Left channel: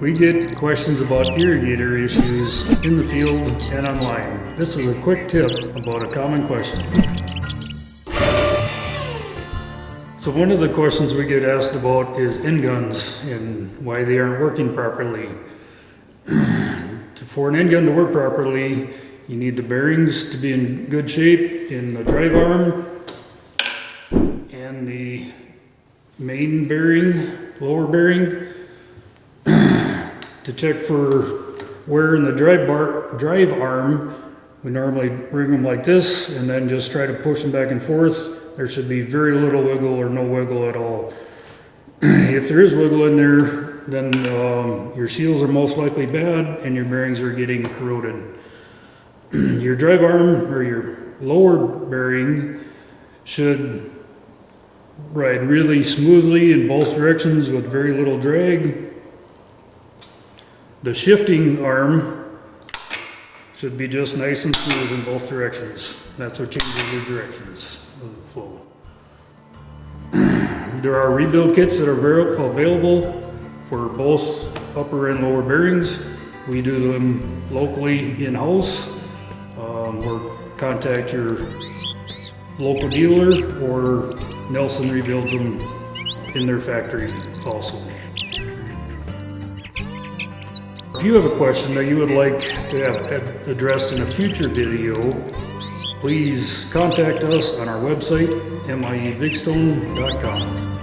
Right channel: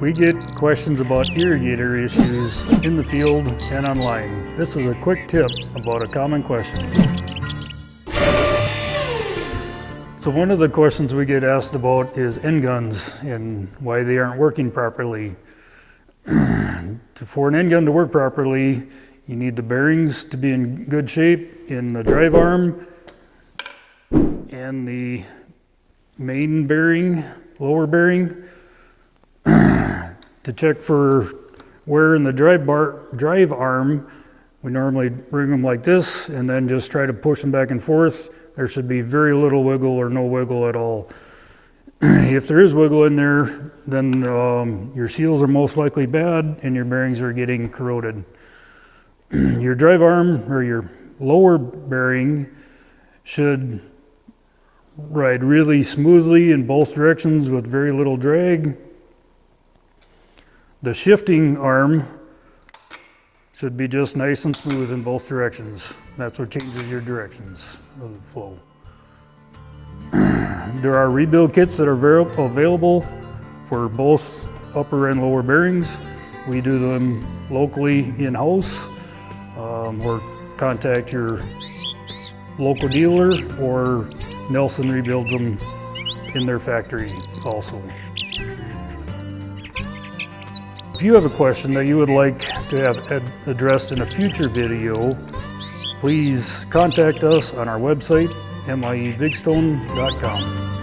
We get questions about irrigator issues in the field and online. This is a quick tip about a common question. So one of the questions we get asked about is end guns and why they aren't working properly. For an end gun to work properly, you need the bearings to be in good shape in the drive arm and the main bearing, lower bearing. To check for wear in the drive arm, we normally bring them like this and then just try to push them back and forth. There should be very little wiggle or no wiggle at all. If there is wiggle in there, then your seals are most likely bad and your bearings are getting corroded. Your drive arm or your lower bearing should ride really smoothly in both directions with very little drag. The shifting arm should be just nice and smooth in both directions. That's what changes your directions of the flow. There are rebuild kits that are available for both upper and lower bearings. We do them locally in-house, or contact your local dealer, or Nelson rebuilds them in their factory also. If you have a question that you would like to have addressed in a future video, please contact us on our website, miebigstone.com.